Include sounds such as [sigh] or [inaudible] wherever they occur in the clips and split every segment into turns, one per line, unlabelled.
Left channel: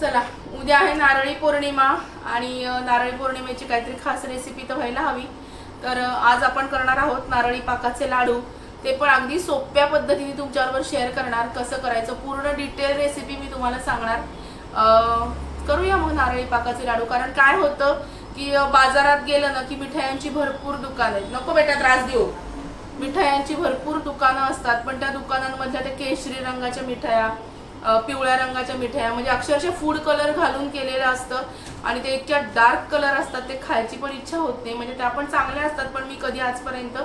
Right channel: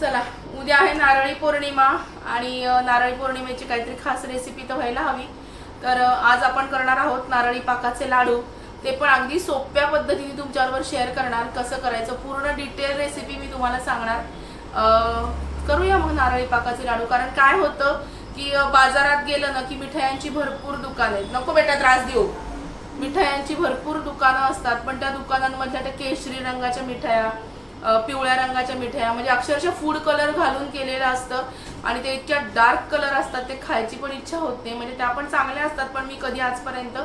चला उद्या आहे नारळी पौर्णिमा आणि नारळी पौर्णिमेची काहीतरी खास रेसिपी तर व्हायला हवी. तर आज आपण करणार आहोत नारळी पाकाचे लाडू. ते पण अगदी सोप्या पद्धतीने तुमच्याबरोबर शेअर करणार कसं करायचं पूर्ण डिटेल रेसिपी मी तुम्हाला सांगणार. करूया मग नारळी पाकाचे लाडू. कारण काय होतं की बाजारात गेलं ना की मिठायांची भरपूर दुकानं आहेत. नको बेटा त्रास देऊ. मिठायांची भरपूर दुकानं असतात पण त्या दुकानांमधल्या त्या केशरी रंगाच्या मिठाया पिवळ्या रंगाच्या मिठाया म्हणजे अक्षरशः फूड कलर घालून केलेलं असतं. आणि ते इतक्या डार्क कलर असतात ते खायची पण इच्छा होत नाही. म्हणजे त्या पण चांगल्या असतात पण मी कधी आजपर्यंत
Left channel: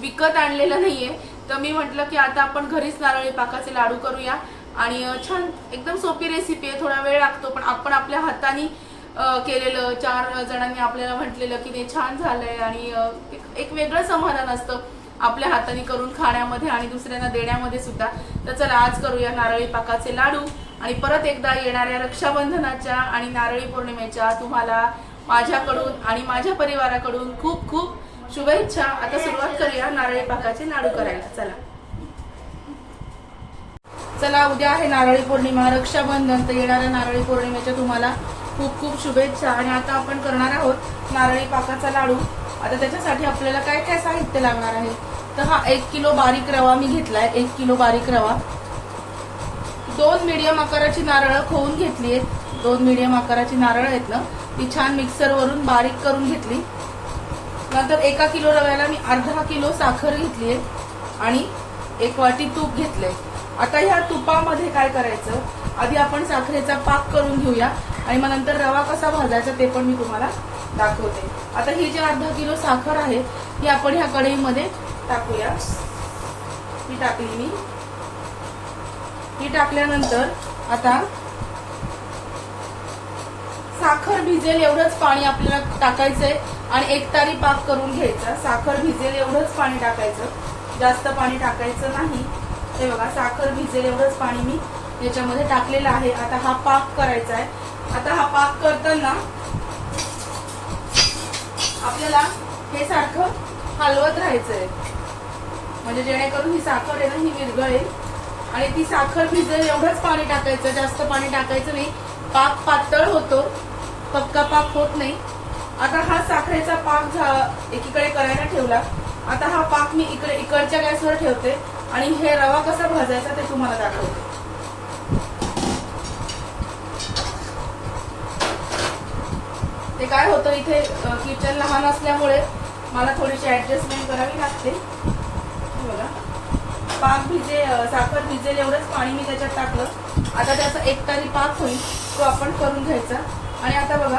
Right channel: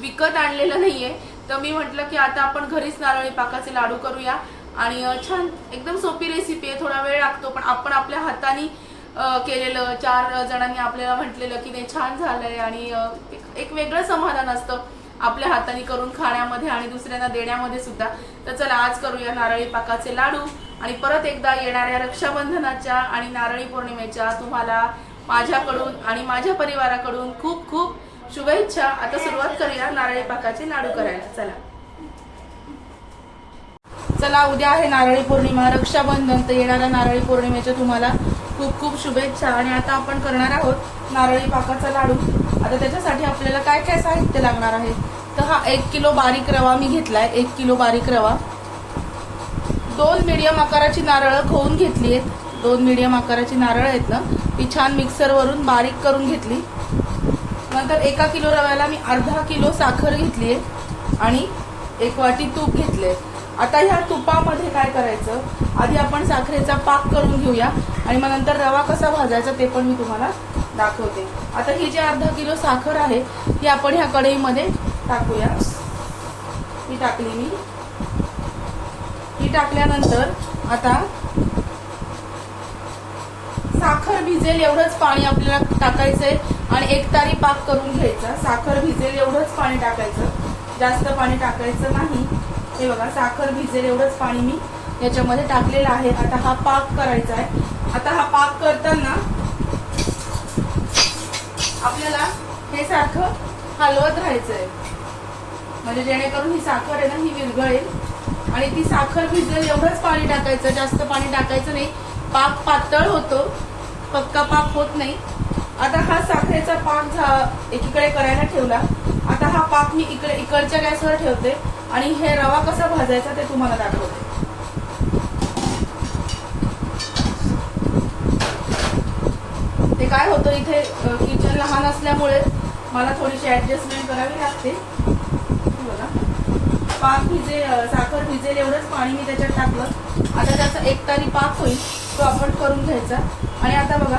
विकत आणलेलं नाही आहे तर मी म्हटलं की आता आपण घरीच नारळी पाकाचे लाडू करूया. आणि छान एकदम सोपी रेसिपी आहे थोडा वेळ लागतो पण आपण आपल्या हाताने केलेलं चार जणांनी आपल्याला म्हटलेलं की ते छान झालंय. आणि एक वेगळं समाधान असतं. आपल्या हाताने करून खाण्यामध्ये आणि दुसऱ्यांना देण्यामध्ये सुद्धा. तर चला आज करूया नारळी पाकाचे लाडू. आणि परत एकदा येणाऱ्या रक्षाबंधनाच्या आणि नारळी पौर्णिमेच्या तुम्हाला माझ्याकडून आणि माझ्या परिवाराकडून खूप खूप शुभेच्छा. आता सुरुवात करूया नारळी पाकाचे लाडू करायला. चला. चला उद्या आहे नारळी पौर्णिमा. रक्षाबंधन तर येणाऱ्या नारळी पौर्णिमेच्या तुम्हाला खूप खूप शुभेच्छा. आणि आता आपण करणार आहोत नारळी पाकाचा लाडू. आता त्याच्यासाठी आपल्याला काय काय साहित्य लागणार आहे? तर हा एक किलो बारीक रवा मी घेतलाय. एक किलो बारीक रवा. दोन मीडियम आकाराची नारळ खोवून घेतली आहेत. दोन मिडियम आकाराची नारळ आहेत ना ती छान मिक्सरवरून बारीक करून घेतली. नंतर एका किलो रव्याला मी अर्धा किलो साखर घेतली आहे. आणि एक वाटी तूप घेतलंय. आता ह्या तुपामध्ये काय करायचं? आधी आपण साखरेचा पाक करून घेऊया. आणि मग नंतर रवा कसा भाजायचा ते पण मी तुम्हाला दाखवते. आता ही जी अर्धा किलो साखर आहे ती आपण ह्या कढईमध्ये टाकूया. ही टाकली मी. ही टाकल्यानंतर आता साखर भिजेल एवढंच पाणी आपल्याला टाकायचंय आणि एक तारी पाक करून घ्यायचा. साखर भिजेल एवढंच पाणी टाकायचं. जास्त पाणी टाकायचं नाही. हे बघा साखर भिजेल एवढंच पाणी मी याच्यामध्ये टाकलेला आहे. आता हा पाक करायचा आहे. आता हा पाक करताना आपल्याला हे सारखं हलवत राहायचंय. म्हणजे जेणेकरून ही साखर आहे ना ही विरघळेल. आणि ती साखर भिजेल एवढंच पाणी टाकायचं जास्त पाणी टाकायचं नाही. पाक पातळ होतो. पक्का पाक होत नाही. आता हा साखरेचा पाक एकीकडे करायला ठेवला. आता हा पाक मी इकडे इकडच्या गॅसवर ठेवते. आणि हे रवा कसा भाजायचा ते तुम्हाला दाखवते. ते काय होतं इथे किचन लहान असल्यामुळे मला थोडीशी ऍडजस्टमेंट करावी लागते. बघा. पाक भिजे साखर भिजेल एवढंच पाणी मी त्याच्यात टाकलं. आता त्याचा एक तारी पाक होईल तो आपण करून घ्यायचा. आणि आता बघा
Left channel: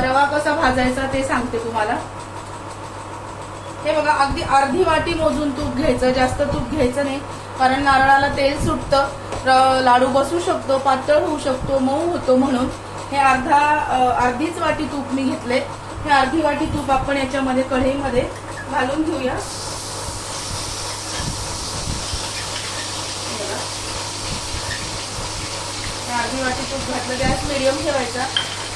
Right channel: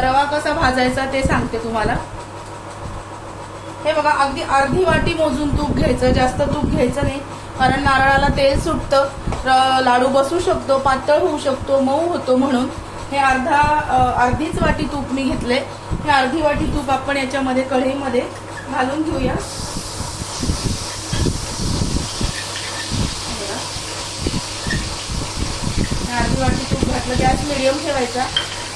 रवा कसा भाजायचा ते सांगते तुम्हाला. हे बघा अगदी अर्धी वाटी मोजून तूप घ्यायचं जास्त तूप घ्यायचं नाही कारण नारळाला तेल सुटतं. लाडू बसू शकतो पातळ होऊ शकतो मऊ होतो म्हणून. हे अर्धा अर्धीच वाटी तूप मी घेतले. हे अर्धी वाटी तूप आपण याच्यामध्ये कढईमध्ये घालून घेऊया. अर्धी वाटी तूप घातलं. गॅस मिडियम ठेवायचा.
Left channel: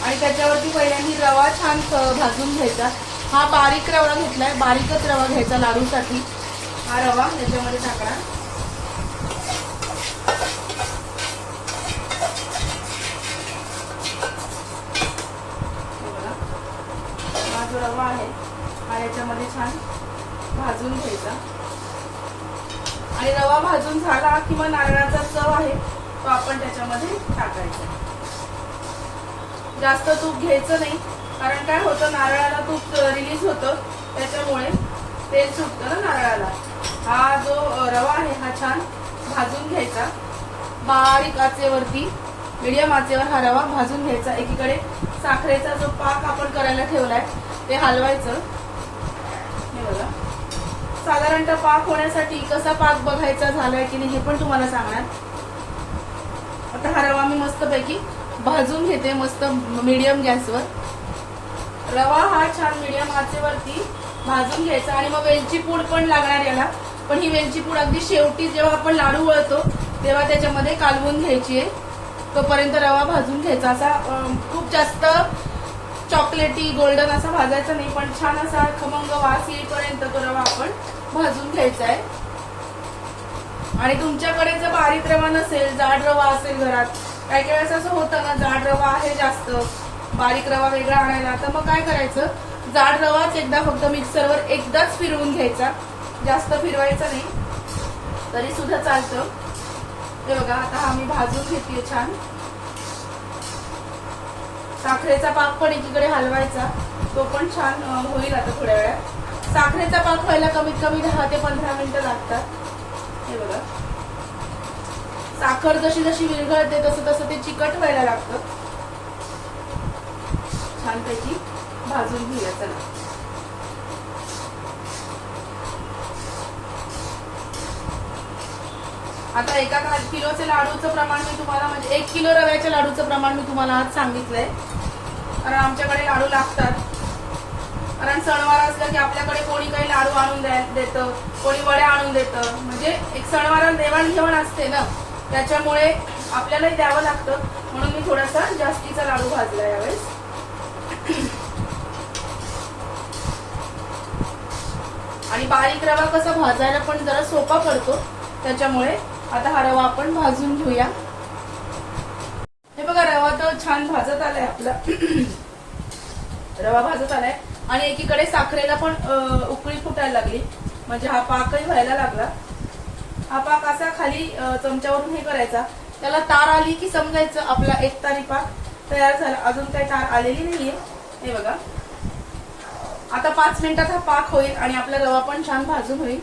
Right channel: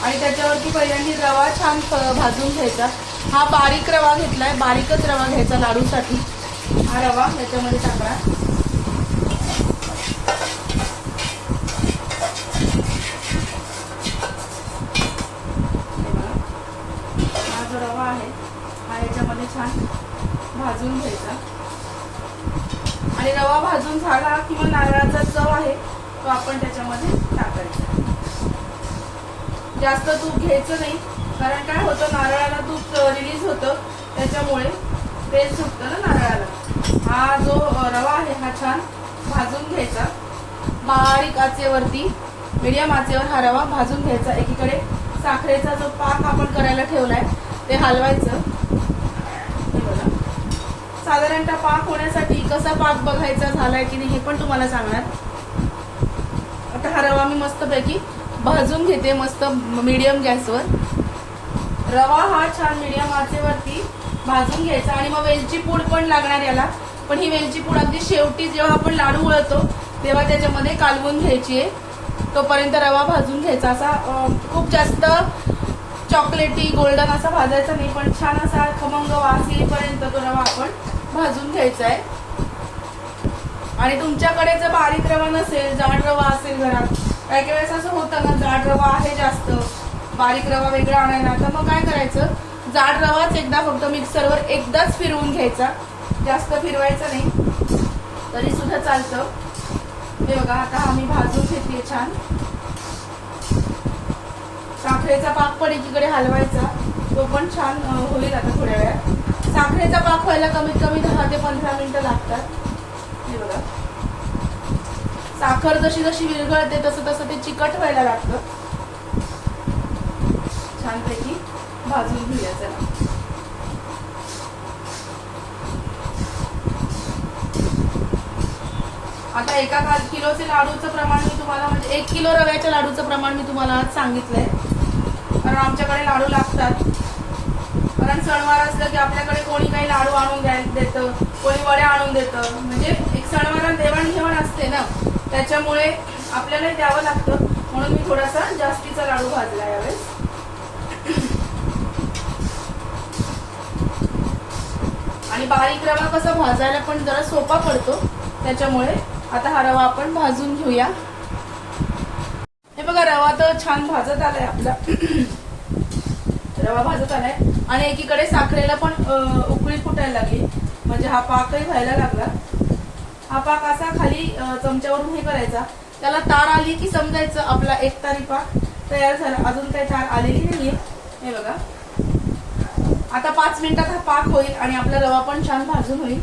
आणि त्याच्यावरती पहिल्यांदा रवा छान भाजून घ्यायचा. हा बारीक रवा घेतलाय. बारीकच रवा घ्यायचा लाडूसाठी. हा रवा याच्यामध्ये टाकला हे बघा. हा जो रवा आहे हा याच्यामध्ये छान भाजून घ्यायचा. आणि रवा भाजून झाला किंवा नारळाचा चव आहे तो आपण त्याच्यामध्ये टाकायचा. जास्त तूप घ्यायचं नाही कारण काय होतं नारळाला तूप रिलीज होतं त्याच्यामुळे तेल सुटतं ना नारळाला. हा जो रवा आहे हा छान भाजून घ्यायचा. बारीक आचेवरती मिडियम आचेवर हा रवा भाजून घ्यायचा. एकीकडे साखरेचा जो पाक आपण करायला ठेवलाय ते हलवायचं. साधारणतः पाक होण्यासाठी कसा पाक बघायचा झालाय की नाही हे पण तुम्हाला सांगणार. आता हा रवा मी मस्तपैकी भाजून घेते मस्त मीडियम गॅसवर रवा हा छान मीडियम आचेवरती भाजून घ्यायचा आणि मग वेलची पूड पण लागणार याला. पण ही वेलची पूड अगदी शेवटी जेव्हा आपण लाडू वळतो तेव्हा त्याच्यामध्ये कालवून घ्यायची आहे. तोपर्यंत रवा भाजून घ्यायचा. असा खूप जास्त चॉकलेटी गोल्डन असा भाजायचा नाही पण छान असा खमंग वास येईपर्यंत तो रवा आपण भाजून घ्यायचा आहे आणि तुमच्याकडे जर बारीक रवा नसेल जाड रवा असेल घरात काही काही वेळेस असं होतं ना जाड रवा आहे जास्त बारीक रवा वेगळा आणायला तर मग काय करायचं? जाड रवाच एकदा फक्त मिक्सरवर एकदाच फिरवून घ्यायचा. जास्त फिरवायचा नाही. तरी सुद्धा चालतं. हे बघा आता आम्ही भाजून घेतली छान. साखरेचा पाक पण एकीकडे हलवायचा. तो पण छान होईल आता थोड्या वेळात. साखरेचा पाक व्हायला कमीत कमी दहा ते पंधरा मिनिटं लागतात. हे बघा. साखर जशी जशी विरघळते तसं तसं ते चिकट व्हायला लागतं. छानपैकी भाजून घेऊया चला. आता एका किलोचे लाडूचं प्रमाण मी तुम्हाला म्हणजे एक किलो रव्याच्या लाडूचं प्रमाण मी तुम्हाला आज सांगितलंय. कारण आमच्याकडे लाडू लागतात. कारण सणवार असलं की आपल्याकडे कोणी काही लाडू आणून देतं कोणी वड्या आणून देतं. म्हणजे एक सणवाराला देवाणघेवाण असते ना. त्याच्यामुळे आपल्याला द्यावं लागतं. म्हणून मी थोडासा जास्तीचा लाडू भाजला यावेळेस. आणि बारीक रवा कसा भाजायला पण जरा सोपा पडतो. त्याच्यामुळे आता हा रवा आपण भाजून घेऊया. हे बघा रवा तर छान भाजत आलाय आपला. रवा भाजत आलाय आणि एकीकडे साखरेला पण उकळी फुटायला लागली. म्हणजे हा पाकही व्हायला लागला. हा पाक असा खाली चमच्यावरून हे करायचा. त्याला तार आली की समजायचं आपला एक तारी पाक तयार झाला. अजून काही तार आलेली नाहीये. हे बघा. आता पाच मिनिटात हा पाक होईल आणि आपला रवा पण छान भाजून होईल.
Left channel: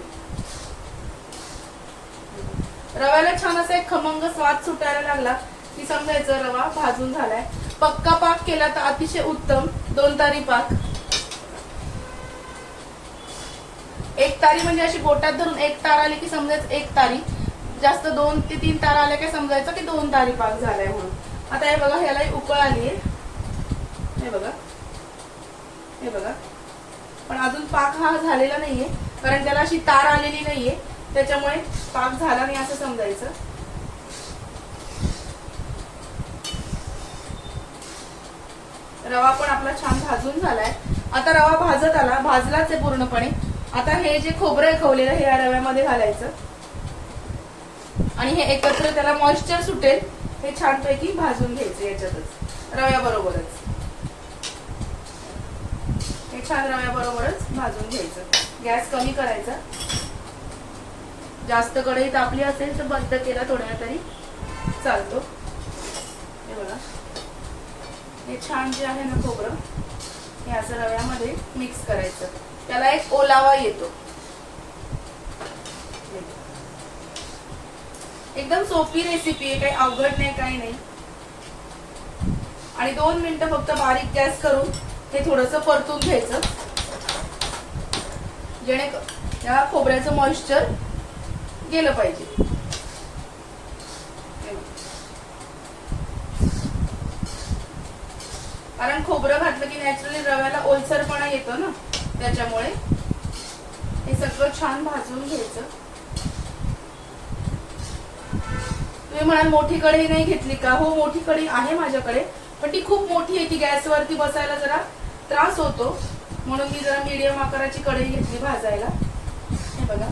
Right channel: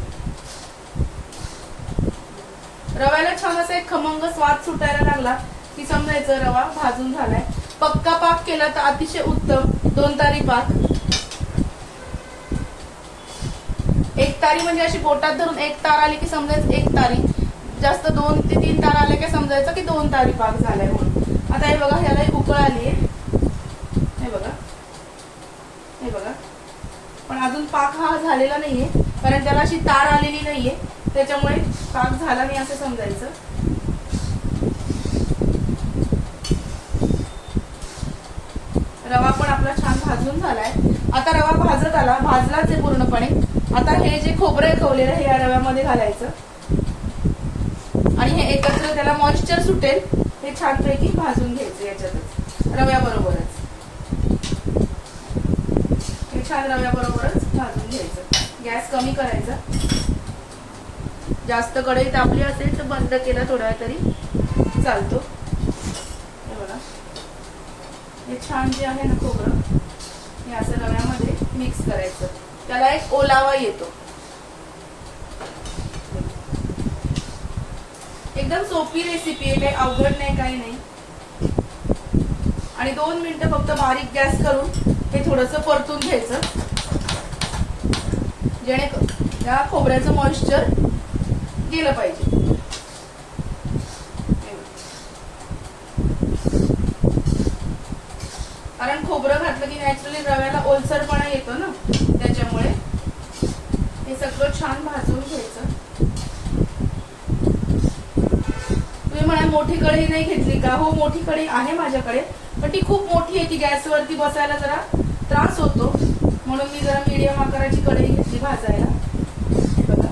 रव्याला छान असा एक खमंग स्वाद सुटायला लागला. की समजायचं रवा भाजून झालाय. पक्का पाक केला तर अतिशय उत्तम. दोन तारी पाक. एक तारी म्हणजे अशी बोटात धरून एक तार आली की समजायचं एक तारी. जास्त दोन ते तीन तार आले की समजायचं की दोन तारी पाक झालाय म्हणून. आता हे बघा ह्याला उकळ आली. हे बघा. हे बघा. पण अजून पाक हा झालेला नाहीये कारण त्याला अशी तार आलेली नाहीये. त्याच्यामुळे पाक झाला नाही असं समजायचं. रवा पण आपला छान भाजून झालाय. आता रवा भाजत आला भाजलाच आहे पूर्णपणे. आता हे जे खोबरं खवलेलं हे या रव्यामध्ये घालायचं. आणि हे एकत्र त्याला मॉइश्चर सुटेल हे छानपैकी भाजून घ्यायचं याच्यातच. रव्याबरोबरच. हे छान रव्याबरोबरच भाजून घ्यायचं. गॅस कमी करायचा. जास्त कढई तापली असेल तर बंद केला थोड्या तरी चालतो. हे छान जे आहे ना खोबरं हे असं रव्यामध्ये मिक्स करायचं. त्याला एक ओलावा येतो. एकदम सोपी रेसिपी आहे काही अवघड नाही काही नाही. आणि दोन मिनिटं फक्त बारीक गॅस करून हे थोडस परतून घ्यायचं. जेणेकरून या खोबऱ्याचं मॉइश्चर गेलं पाहिजे. कारण खोबरं घातलं की नॅचरली रव्याला ओलसरपणा येतो ना त्याच्यामुळे. हे सगळं छान भाजून घ्यायचं. तुम्ही म्हणाल मोठी कढई नाही घेतली का? हो मोठी कढई आहे माझ्याकडे पण ती खूप मोठी आहे ती गॅसवरती बसायला जरा त्रास होतो. म्हणून मी जरा मीडियम आकाराची कढई घेतली भाजायला हे बघा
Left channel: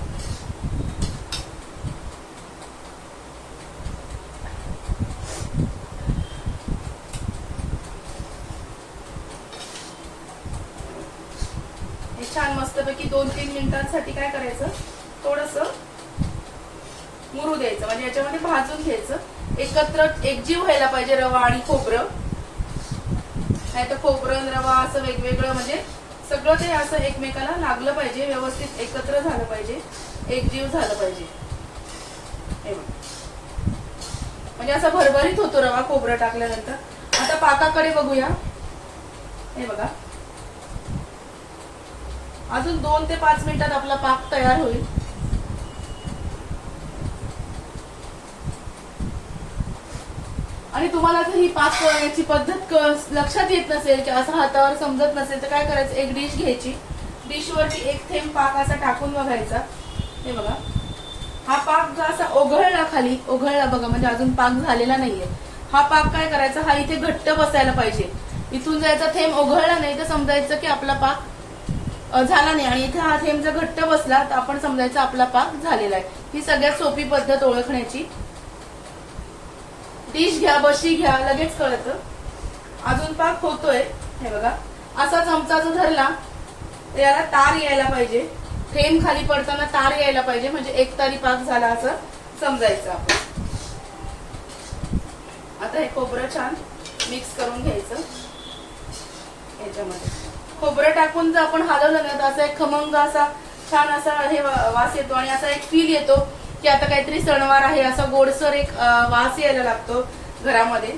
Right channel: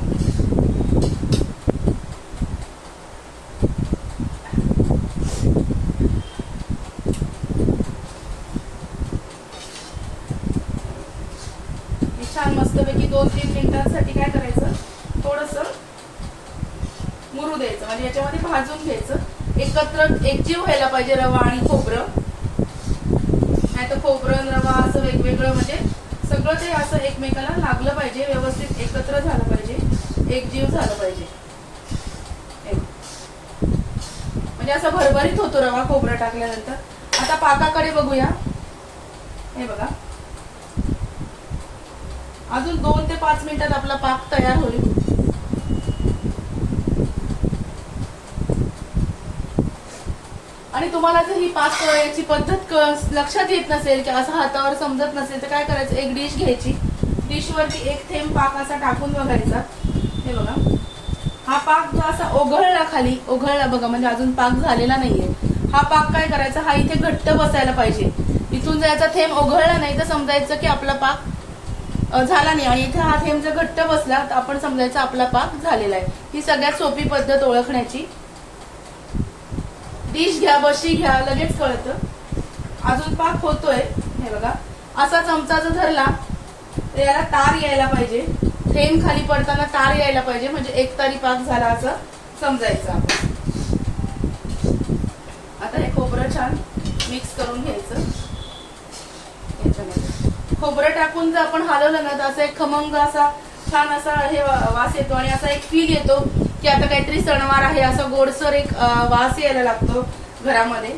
हे छान मस्तपैकी दोन तीन मिनिटांसाठी काय करायचं थोडस मुरू द्यायचं म्हणजे याच्यामध्ये भाजून घ्यायचं एकत्र एकजीव व्हायला पाहिजे रवा आणि खोबरं. नाही तर खोबरं रवा असं वेगवेगळं म्हणजे सगळं ते असं एकमेकाला लागलं पाहिजे व्यवस्थित एकत्र झालं पाहिजे एकजीव झालं पाहिजे. म्हणजे असा भरभरीत होतो रवा खोबरं टाकल्यानंतर. आता पाकाकडे बघूया. हे बघा. अजून दोन ते पाच मिनिटात आपला पाक तयार होईल. आणि तुम्हाला जर ही पाक वळण्याची पद्धत क- लक्षात येत नसेल की असं हातावर समजत नसेल तर काय करायचं? एक डिश घ्यायची. डिशवरती एक थेंब पाक असा टाकून बघायचा. हे बघा. हा पाक जो असा ओघळला खाली ओघळला बघा म्हणजे अजून पाक झालेला नाहीये. हा पाक काय करायचा? हा इथे घट्ट बसायला पाहिजे. इथून जायचा थेंब ओघळला नाही तर समजायचं की आपला पाक झाला नाही. आणि इथे हा थेंब जर घट्ट बसला तर आपण समजायचं आपला पाक झालेला आहे. ही सगळ्यात सोपी पद्धत ओळखण्याची. डिश घ्या बशी घ्या लगेच कळत. अजून पाक होतोय हे बघा. असा चमचा जो धरला तर याला तार यायला पाहिजे. थेंब खाली पडताना तार यायला पाहिजे म्हणजे एक तारी पाक झाला असं समजायचं आपण. आता हे खोबरं छान मिक्स करून घ्यायचं. याच्यामध्ये. खोबरं टाकून जर आपण हलवलं ना तर असं एक खमंग असा छान असा हे वास येतो आणि असा एक फील येतो की आता काहीतरी सणवार आहे असा गोडसर एक वास यायला लागतो घरामध्ये.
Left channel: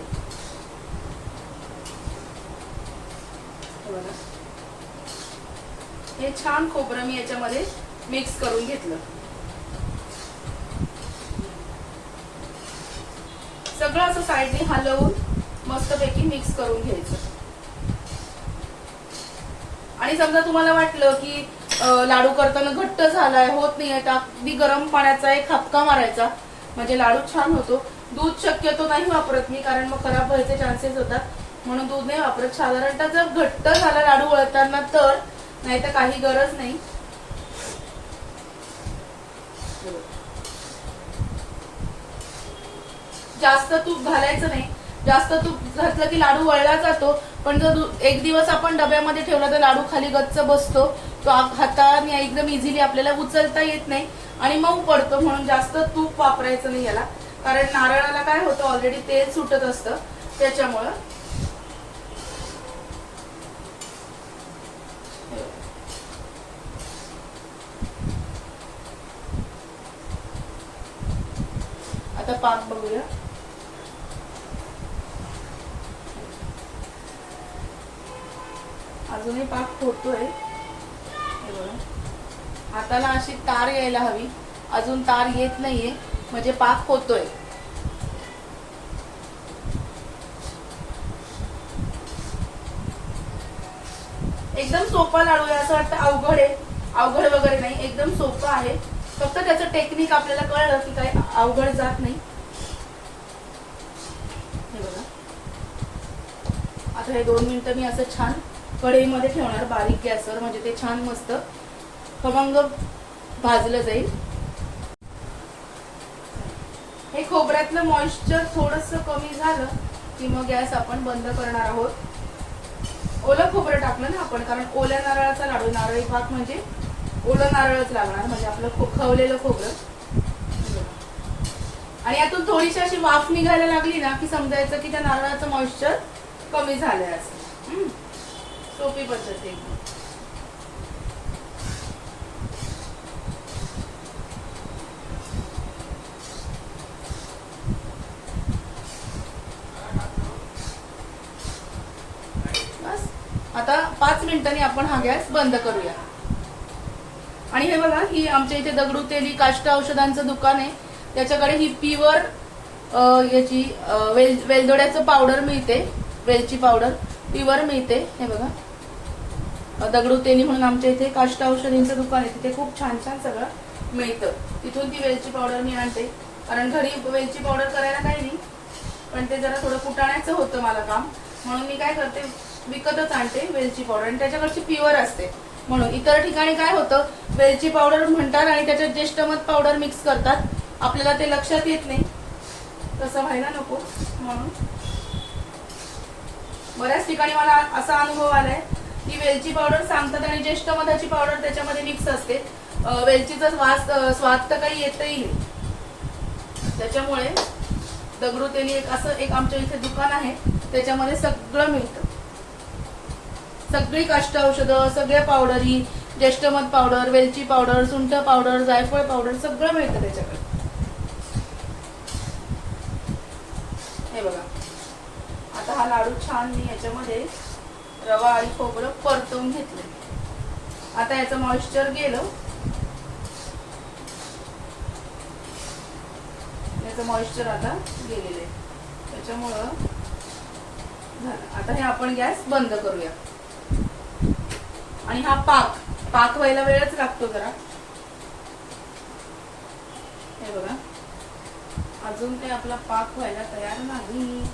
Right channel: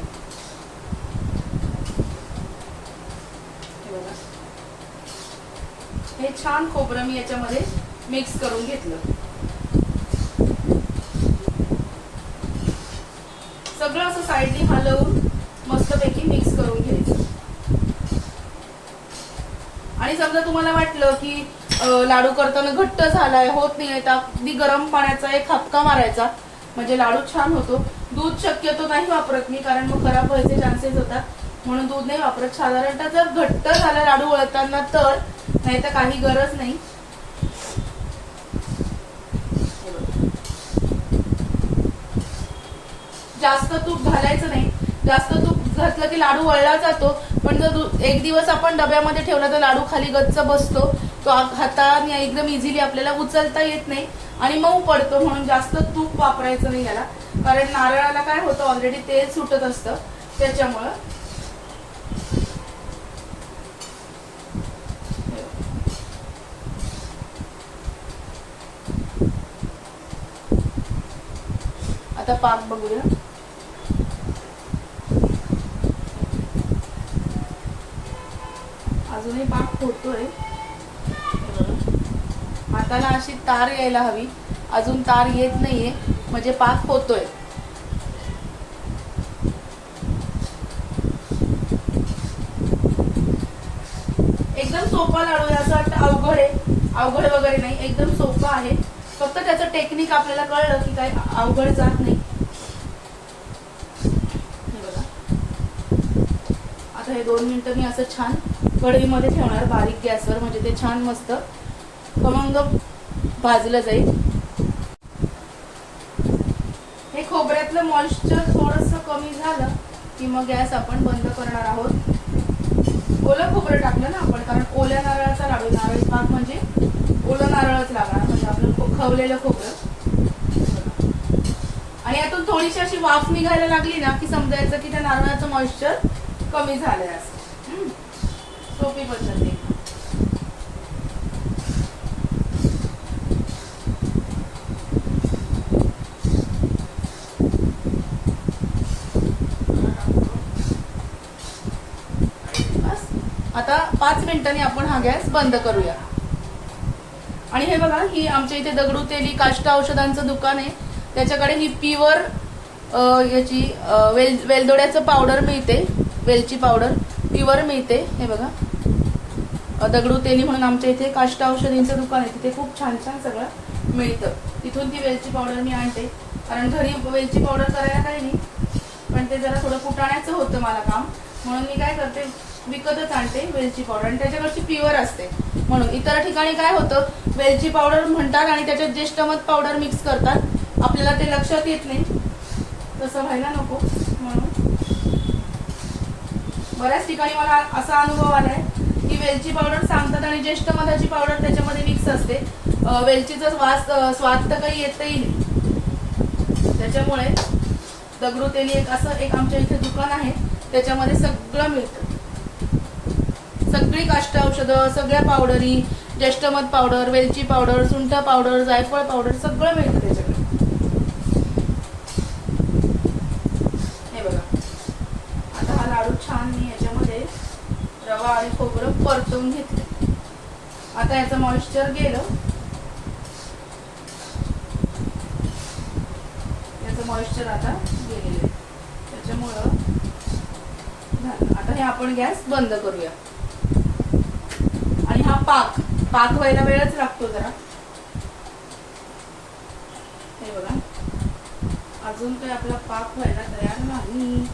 हे छान खोबरं मी याच्यामध्ये मिक्स करून घेतलं. सगळं असं साईडने हलवून मस्तपैकी मिक्स करून घ्यायचं. आणि समजा तुम्हाला वाटलं की लाडू करताना घट्ट झालाय होत नाही तर अगदी गरम पाण्याचा एक हापका मारायचा. म्हणजे लाडू छान होतो. दूध शक्यतो नाही वापरत मी कारण मग खराब व्हायचे चान्सेस होतात. म्हणून दूध नाही वापरत. साधारणतः जर घट्ट झाला लाडू वळताना तर नाही तर काही गरज नाही. जास्त तूप घालायचं नाही. जास्त तूप घातलं की लाडू वळला जातो पण जर एक दिवस आपण डब्यामध्ये ठेवला तर लाडू खाली गच्च बसतो. तो हाताने एकदम इझिली आपल्याला उचलता येत नाही आणि मऊ पडतो म्हणून जास्त तूप वापरायचं नाही याला. कारण नारळाला काय होतं ऑलरेडी तेल सुटत असतं. त्याच्यामुळं आता पाक बघूया. अजूनही पाक होतोय हाताला अशी तार यायला हवी. अजून तार येत नाहीये. म्हणजे पाक होतोय एकदम सोपा लाडू आहे. असं वाटतं अवघड आहे. अवघड वगैरे नाही. एकदम सोपं आहे. फक्त त्याचं टेक्निक आपल्याला कळलं की काय अवघड जात नाही. हे बघा. आता हे दोन मिनिटं मी असं छान कढईमध्ये ठेवणार बारीक गॅसवर म्हणजे ते छान मस्त खमंग भाजलं जाईल. हे खोबऱ्यातलं मॉइश्चर थोडस कमी झालं की मग गॅस आपण बंद करणार आहोत. ओलं खोबरं टाकलं ना आपण कारण ओल्या नारळाचा लाडू नारळी पाक म्हणजे ओलं नारळच लागणार म्हणजे आपलं खवलेलं खोबरं. आणि यातून थोडीशी अशी वाफ निघायला लागली ना की समजायचं की त्या नारळाचं मॉइश्चर कमी झालंय असं. हम्म. सोपी पद्धत आहे. बस. आता पाच मिनिटांनी आपण हा गॅस बंद करूया. आणि हे बघा ही आमच्या इथे दगडू तेली काष्ट औषधांचं दुकान आहे. त्याच्याकडे ही प्युअर याची वेल वेलदोड्याचं पावडर मिळते. वेलची पावडर प्युअर मिळते. हे बघा. दगडू तेली म्हणून आमच्या इथे काष्ट औषधींचं दुकान आहे. तिथे खूप छान छान सगळं मिळतं. तिथून ती वेलची पावडर मी आणते. कारण घरी वेलची पावडर करायला काही नाही. पण ते जरा थोडं कुटाण्याचं होतं मला काम. म्हणून मी काय करते विकतच आणते वेलची पावडर. आणि त्याच्याकडची प्युअर असते. म्हणून इतर ठिकाणी काय होतं वेलची पावडर म्हणतात आणि त्याच्यात ज्येष्ठमध पावडर मिक्स करतात. आपल्याला ते लक्षात येत नाही. तसं व्हायला नको. म्हणून बऱ्याच ठिकाणी मला असा अनुभव आलाय. वेलची पावडर सांगतात आणि ज्येष्ठ मधाची पावडर त्याच्यामध्ये मिक्स असते. वेलचीचा वास स्वाद तर काही येतही नाही. त्याच्यामुळे दगडूतेली एक असं एक आमच्या इथे दुकान आहे. त्याच्यामध्ये सगळं मिळतं. सगळी काष्ट औषधं सगळ्या पावडरी ज्येष्ठमध पावडर वेलची पावडर सुंठ पावडर जायफळ पावडर सगळं मिळतं त्याच्याकडे. हे बघा. आता हा लाडू छान मी याच्यामध्ये रवा आणि खोबरं परतवून घेतलं. आता याचं मॉइश्चर गेलं. याचं मॉइश्चर आता गेलेलं आहे. त्याच्यामुळं आता हे आपण गॅस बंद करूया. आणि हा पाक पाक व्हायला वेळच लागतो जरा. हे बघा. अजून काही आपला पाक व्हायला तयार नाही.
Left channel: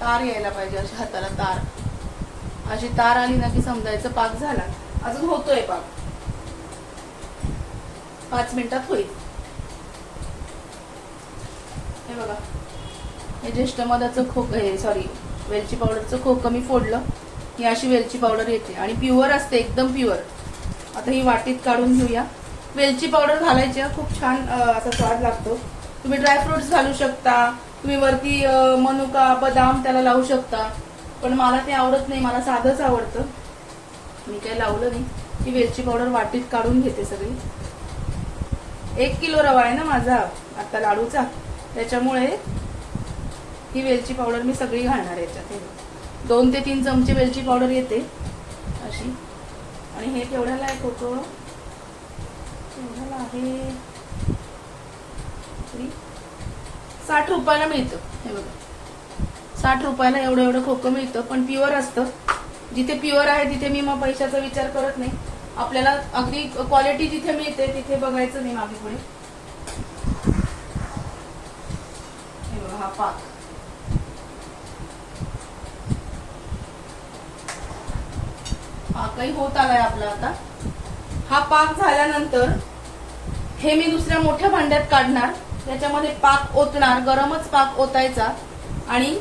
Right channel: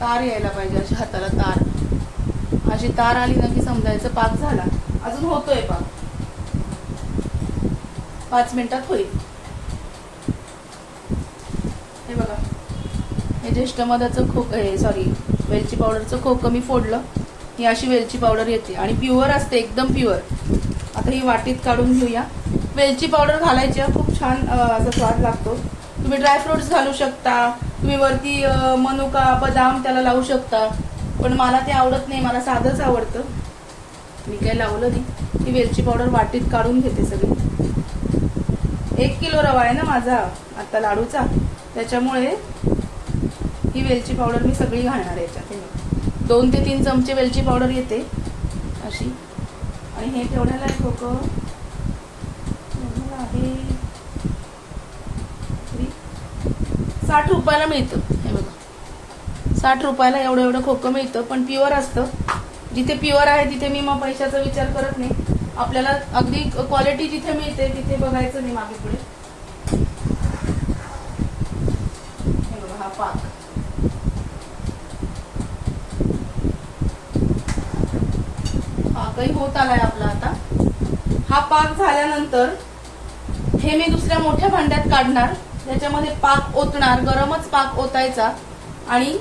तार यायला पाहिजे अशा हाताला तार. अशी तार आली ना की समजायचं पाक झाला. अजून होतोय पाक. पाच मिनिटात होईल. हे बघा. हे ज्येष्ठ मधाचं खोक हे सॉरी वेलची पावडरचं खोकं मी फोडलं. ही अशी वेलची पावडर येते. आणि प्युअर असते एकदम प्युअर आता ही वाटीत काढून घेऊया. वेलची पावडर घालायची खूप छान असा स्वाद लागतो. तुम्ही ड्रायफ्रुट्स घालू शकता. तुम्ही वरती मनुका बदाम त्याला लावू शकता. पण मला ते आवडत नाही मला साधंच आवडतं. मी काय लावलं नाही. ही वेलची पावडर वाटीत काढून घेते सगळी. एक किलो रवा आहे ना माझा आता लाडूचा. त्याच्यामुळे ही वेलची पावडर मी सगळी घालणार याच्यात. दोन ते तीन चमचे वेलची पावडर येते अशी. आणि हे केवढ्याला आहे खोकं? आहे? साठ रुपयाला मिळतं. हे बघ. साठ रुपयाला एवढं एवढं खोकं मिळतं पण प्युअर असतं. जिथे प्युअर आहे तिथे मी मग पैशाचा विचार करत नाही. आपल्याला अगदी क्वालिटी जिथे मिळते तिथे बघायचं नाही मागे पुढे. हा पाक. पाकही होत आलाय आपला आता. हा पाक झाल्यानंतर हे मी दुसऱ्या मोठ्या भांड्यात काढणार. त्याच्यामध्ये पाक ओतणार गरमच पाक ओतायचा. आणि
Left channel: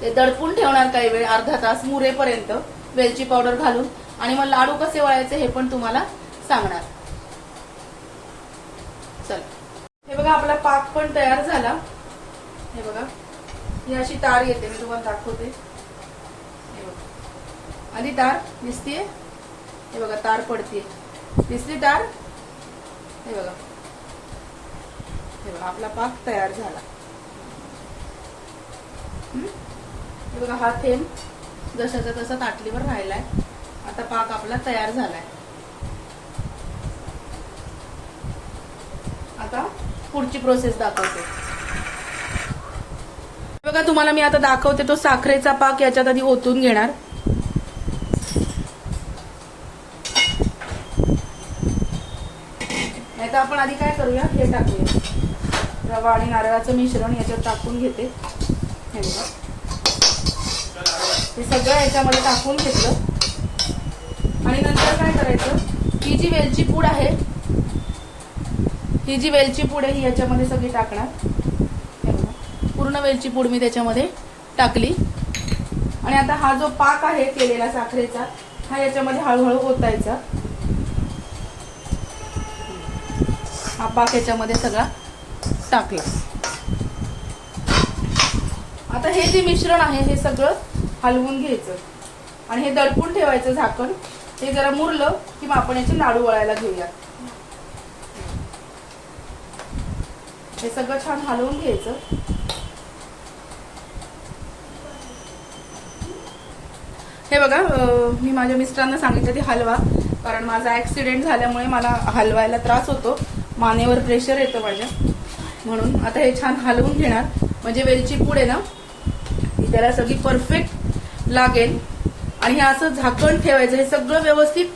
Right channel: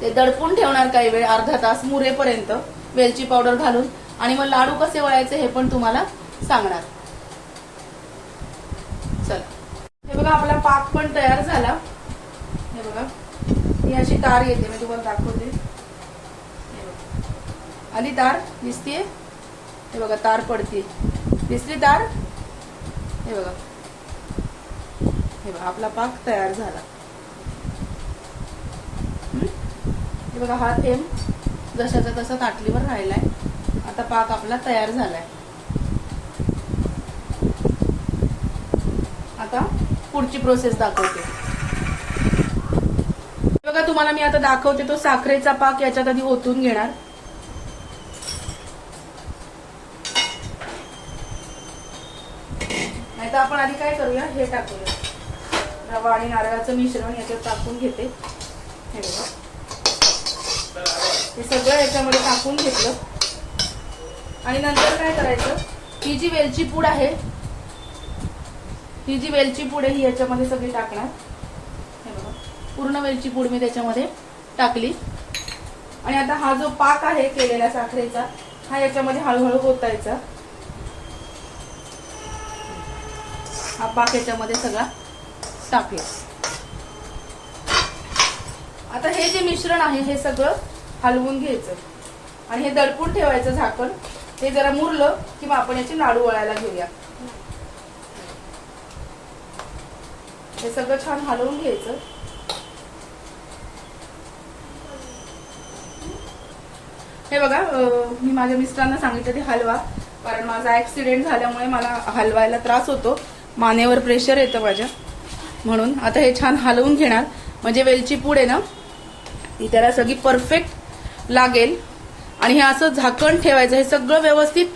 ते दडपून ठेवणार काही वेळ अर्धा तास मुरेपर्यंत वेलची पावडर घालून आणि मग लाडू कसे वळायचे हे पण तुम्हाला सांगणार. चला. हे बघा आपला पाक पण तयार झाला. हे बघा ही अशी तार येते मी तुम्हाला दाखवते. आली तार? दिसतीये? हे बघा तार पडते दिसली तार? हे बघा. हे बघा आपला पाक तयार झाला हं? हे बघा हा थेंब जशाचा तसा ताटलीवर राहिलाय. आता पाक आपला तयार झालाय. आता पुढची प्रोसेस दाखवते. बघा तुम्हाला मी आता दाखवते तो साखरेचा पाक याच्यात आधी ओतून घेणार. नाही तर आपण आधी काय करूया? हे टाकूया. रवा आणि नारळाचं मिश्रण याच्यात टाकून घेते. हे बघा. हे सगळं याच्यामध्ये टाकून घेतलं. आणि नंतर काय करायचं? ही जी वेलची पूड आहे ही जी वेलची पूड आहे ही याच्यामध्ये सगळी टाकणार. पूर्ण वेलची पूड मी त्याच्यामध्ये टाकली. आणि आता हा जो पाक आहे केलेला साखरेचा हा याच्यामध्ये हळूहळू ओतायचा. हा पाक याच्यामध्ये सगळा टाकला. आता हे जे मिश्रण आहे हे सगळं हलवून घ्यायचं. आणि हे दडपून ठेवायचं झाकण. हे जरा मुरलं की मग आपण याचे लाडू वळायला घेऊया हे सगळं छान हलवून घ्यायचं. हे बघा मी माझ्या मिस्टरांना सांगितलं ते हलवा. कारण माझा ऍक्सिडेंट झाल्यामुळे मला हलवायला त्रास होतो. मानेवर प्रेशर येतं माझ्या. म्हणून आता हे छान हलवून घेणार. म्हणजे वेलची पूड आहे ना ती त्याला सगळी परफेक्ट लागेल. आणि हे असं झाकण ठेवायचं हे सगळं व्यवस्थित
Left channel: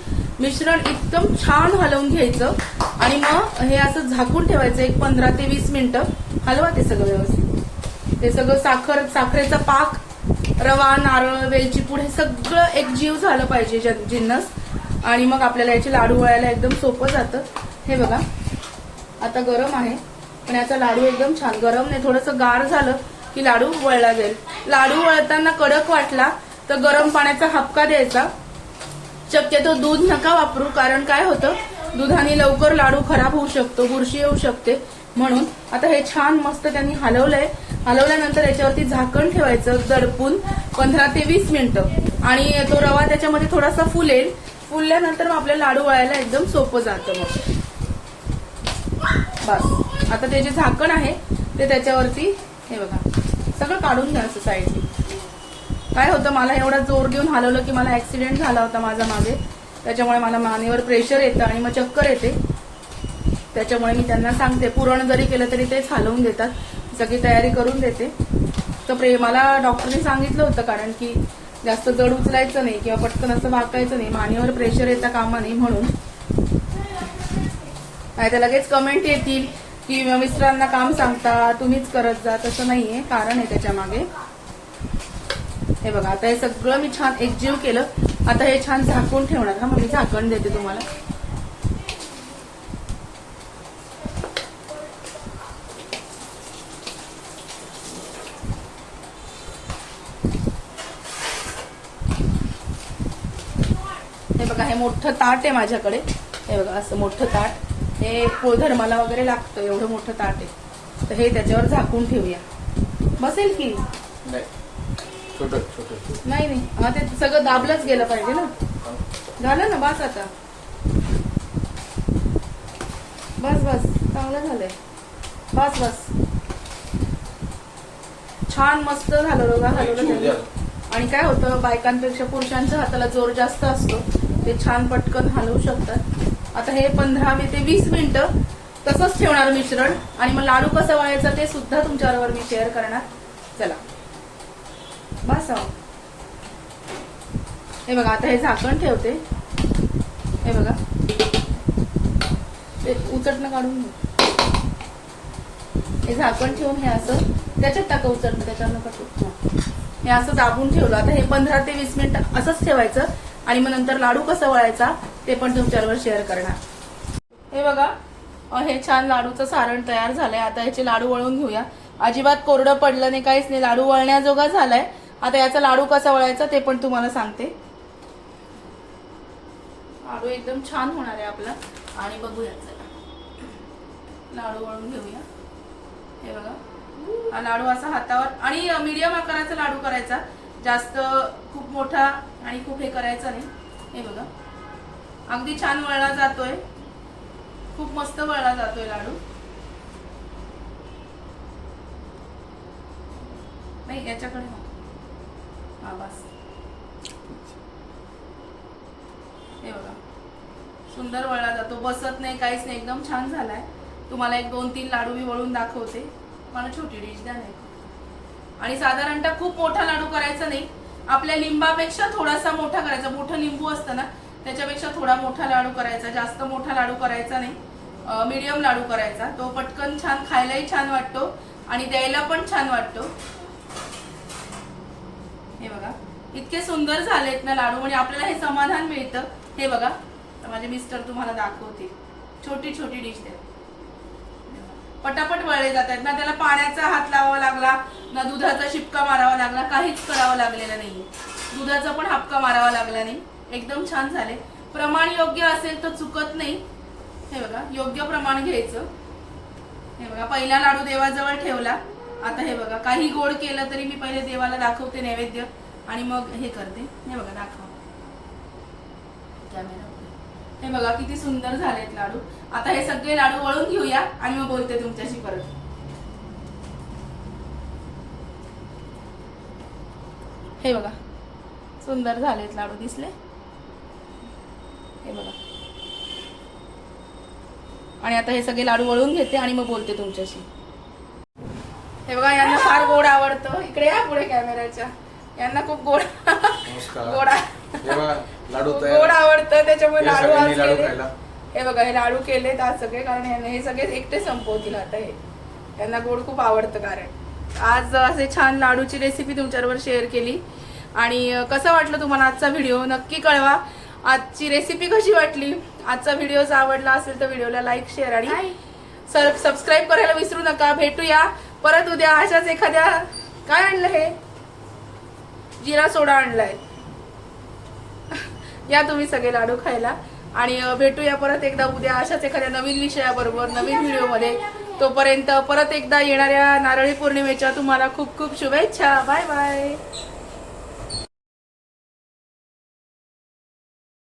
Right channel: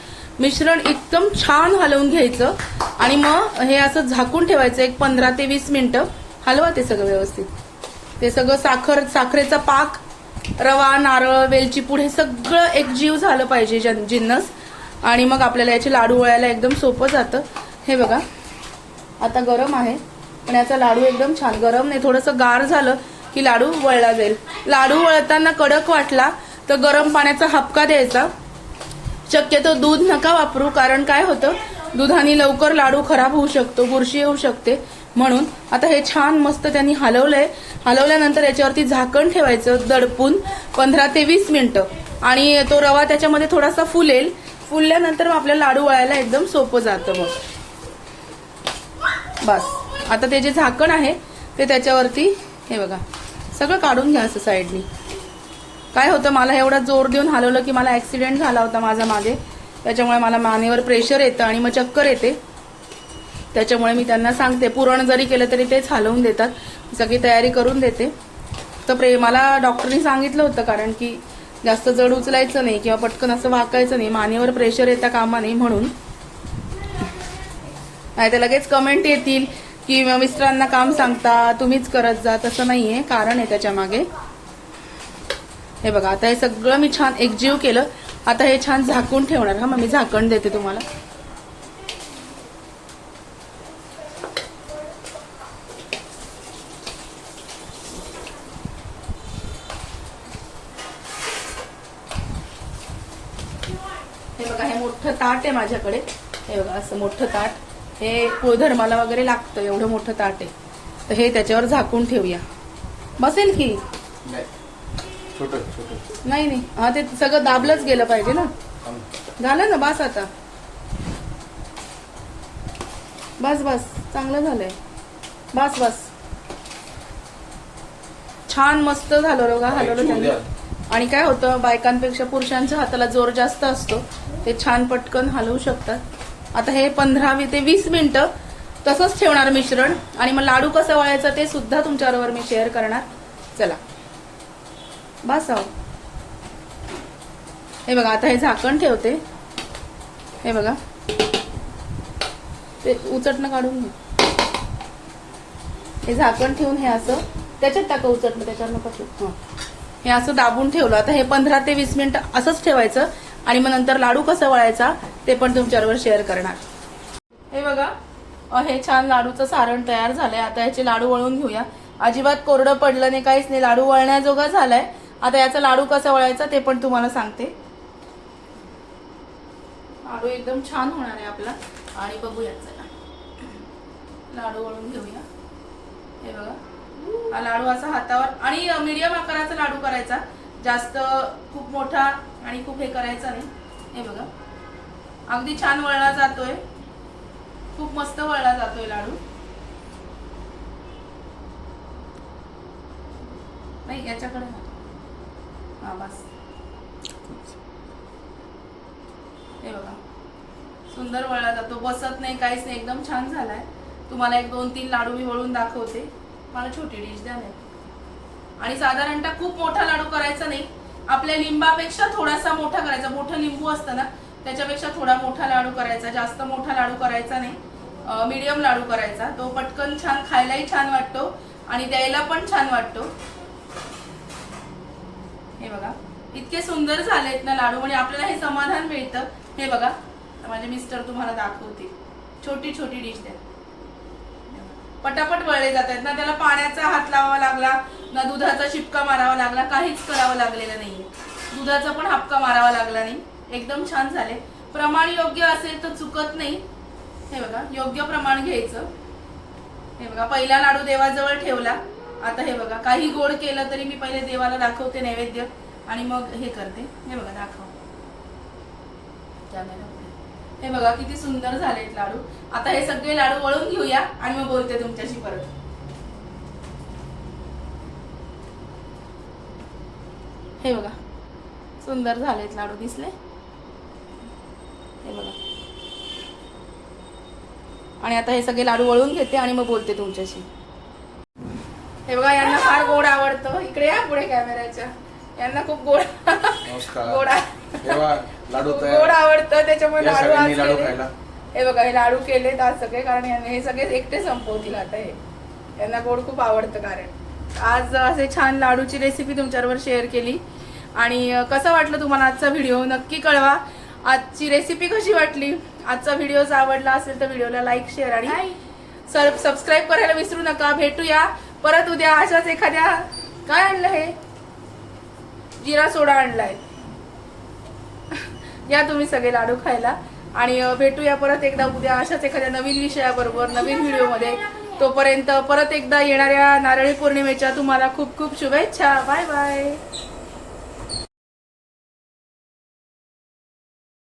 मिश्रण एकदम छान हलवून घ्यायचं. आणि मग हे असं झाकून ठेवायचं एक पंधरा ते वीस मिनिटं. हलवा ते सगळं व्यवस्थित. ते सगळं साखर साखरेचा पाक रवा नारळ वेलची पूड हे सगळं एक जीव झालं पाहिजे जन- जिन्नस. आणि मग आपल्याला याचे लाडू वळायला एकदम सोपं जातं. हे बघा. आता गरम आहे. पण याचा लाडू एकदम छान गरम नाही थोडंसं गार झालं की लाडू वळला जाईल. लाडू वळताना कडक वाटला तर गरम पाण्याचा हपका द्यायचा. शक्यतो दूध नका वापरू कारण काय होतं? दुधाने लवकर लाडू खराब होऊ शकतो बुरशी येऊ शकते. म्हणून आता हे छान मस्त त्यांनी हलवलंय. हलवल्यानंतर याच्यावरती झाकण ठेवायचं दडपून पंधरा ते वीस मिनिटं. आणि तो रवा त्याच्यामध्ये थोडासा फुलेल. फुलल्यानंतर मग आपल्याला लाडू वळायला एकदम सोपं जातं मग. बस. आता ते जे झाकण आहे ते त्याच्यावरती हे बघा. सगळं काढून घ्या असं साईडनी काय होतं मला एवढा जोर देऊन हलवलं की मला ऍक्सिडेंट झाला होता माझा मागे. त्याच्यामुळे मला मानेवर प्रेशर येतं आणि मग चक्कर येते. त्याच्यामुळे मी त्यांना सांगते पुरण जरी केलं तरी तेच हलवून देतात. सगळी तयारी करून देते. तर प्रे मला डॉक्टरनी सांगितलं होतं कारण की जास्त जड उचलायचं नाही किंवा पटकन असं वाकायचं नाही मानेवर प्रेशर येता कामा नाही म्हणून. नाही तर लगेच कमेंट येतील. की मिस्टरांना काम सांगता तुम्हीच करत जा तसं नाहीये. कारण आहे त्याच्यामागे. हे बघा आता हे सगळं मी छान एकजीव केलं. आता हे छान झाकून ठेवणार. हा मग मी झाकण देते तुम्हाला. हे बघा हे मोठं ताट आहे माझ्याकडे. हे बघा असं मोठं ताट. हे धर्माला वगैरे लागतं एवढं मोठं ताट आहे. तर हे त्याच्यावर झाकून ठेवूया. बसेल की?
नाही. छोट छोट
नाही नाही. हा ते सगळं दाबलंच गेलं पाहिजे ना. झालं ना बस आता. बस बस. चांगलं झालंय. बस बस. छान मस्त झालं हलवलं झालं आणि काय होतं बायकांपेक्षा पुरुषांच्या हाताला जोर जास्त असतो. ते छान पटकन हलवू शकतात. आता हे पंधरा ते वीस मिनिटं तसंच ठेवणार मिश्रण. आणि मग लाडू कसं वळायचं ते सुद्धा तुमच्याबरोबर मी शेअर करणार. चला. बस हे बघा आता हे झाकण ठेवते. हे बघा. ते उचटणं काढून हे झाकण ठेवून हे असं त्याच्यात टाका उचटणं त्याच्यावर नका हे असं दाबून ठेवलं. आता हे पंधरा ते वीस मिनिट असंच ठेवायचं. आणि मग नंतर लाडू कसा वळायचा ते पण तुमच्याबरोबर शेअर करणार. हे बघा हे छान लाडूचं सारण तयार झालंय. आता याचे लाडू वळून घेऊया. अजिबात कोरडं पडलं नाही काहीच नाही. लाडू वळण्याजोगा झालाय. आता याचा लाडू कसा वळायचा ते पण तुम्हाला सांगते. लाडू एकदम छान होणार आहे आपला. आणि बघूया चला. लाडू वळून घेऊया. हे बघा. हा लाडू असा हातावर आणि मीडियम आकाराचा लाडू करायचा. जास्त खूप मोठा आणि खूप हे करायचा नाही. हे बघा. अगदी छान वळला जातोय. खूप मस्त वळला जातोय लाडू. नाही याच्याकडे ना हा बस. हे बघा. सुंदर वळला जातो. बसत नाही काहीच नाही. एकदम छान झालाय. तुम्हाला एक दोन तीन लाडू मी वळून दाखवते. मला छोटी डिश द्या नाही आणि साधारणतः खूप मोठा लाडू करायचा नाही. आपल्या लिंबापेक्षा थोडासा मोठा करायचा. मोठं लिंबू असतं ना त्याच्यापेक्षा थोडा मोठा लाडू करायचा. जास्त मोठा लाडू करायचा नाही. मीडियम लाडू करायचा. तो पटकन छान खायलाही छान वाटतो आणि द्यायला पण छान वाटतो. हे बघा. इतके सुंदर झालेत ना लाडू. म्हणजे आपल्याला हे समाधान मिळतं. हे बघा. तर माझे मिस्टर तुम्हाला दाखवतील. छोटी छोटी डिश द्या. पटापट वळले जात आहेत ना. त्याला पाण्याचा हात लावावा लागला. ना दुधाचा शिपका मारावा लागला काहीच करावं लागलेलं नाहीये. दुधाचा पण हापका मारावा लागला नाही. एकदम छान झाले. प्रमाण योग्य असेल तर चुकत नाही. हे बघा योग्य प्रमाण घ्यायचं. हे बघा पहिला लाडू देवाजवळ ठेवला. आता हे बघा काही गोड केलं तरी मी पहिले देवाला दाखवते नैवेद्य आणि मग हे करते. हे बघा दाखव. कॅमेरा हे बघा किती सुंदर झालेत लाडू. आता हे सगळे लाडू वळून घेऊया आणि मग बोलते तुमच्याशी परत. हे बघा. सुंदर झालेत लाडू दिसले. हे बघा. आणि आता हे सगळे लाडू वळून घेते आणि मग बोलते तुमच्याशी. हे बघा यांना फार गोड आवडतं. इकडे या पुढे कॅमेऱ्याच्या. यांना खूप गोड
नमस्कार.
गोड
लाडू
गोड आवडतं. त्याच्यामुळे लाडू हे बघा हे लाडू केलेत आज सगळे कारण यांना हे सगळे एकटे संपवतील आता हे. त्यांना गोड खूप आवडतं कारण. आज असे छान लाडूची रेसिपी तुमच्याबरोबर शेअर केली. आणि कसं वाटलं तुम्हाला आजचा व्हिडिओ नक्की कळवा. आजची रेसिपी कशी वाटली? आजचा व्हिडिओ जर आवडला असेल तर व्हिडिओला लाईक शेअर आणि सबस्क्राईब करायला विसरू नका. भेटूया. परत उद्या अशाच एखाद्या काय आणलं हे? जिरा सोडा आणलाय. [laughs] या तुम्ही सगळे लाडू खायला. आणि भेटूया परत एकदा उद्या अशाच एखाद्या नवीन विषयाबरोबर नवीन व्हिडिओमध्ये तोपर्यंत परत एकदा येणाऱ्या नारळी पौर्णिमेच्या तुम्हाला खूप खूप शुभेच्छा. Bye bye.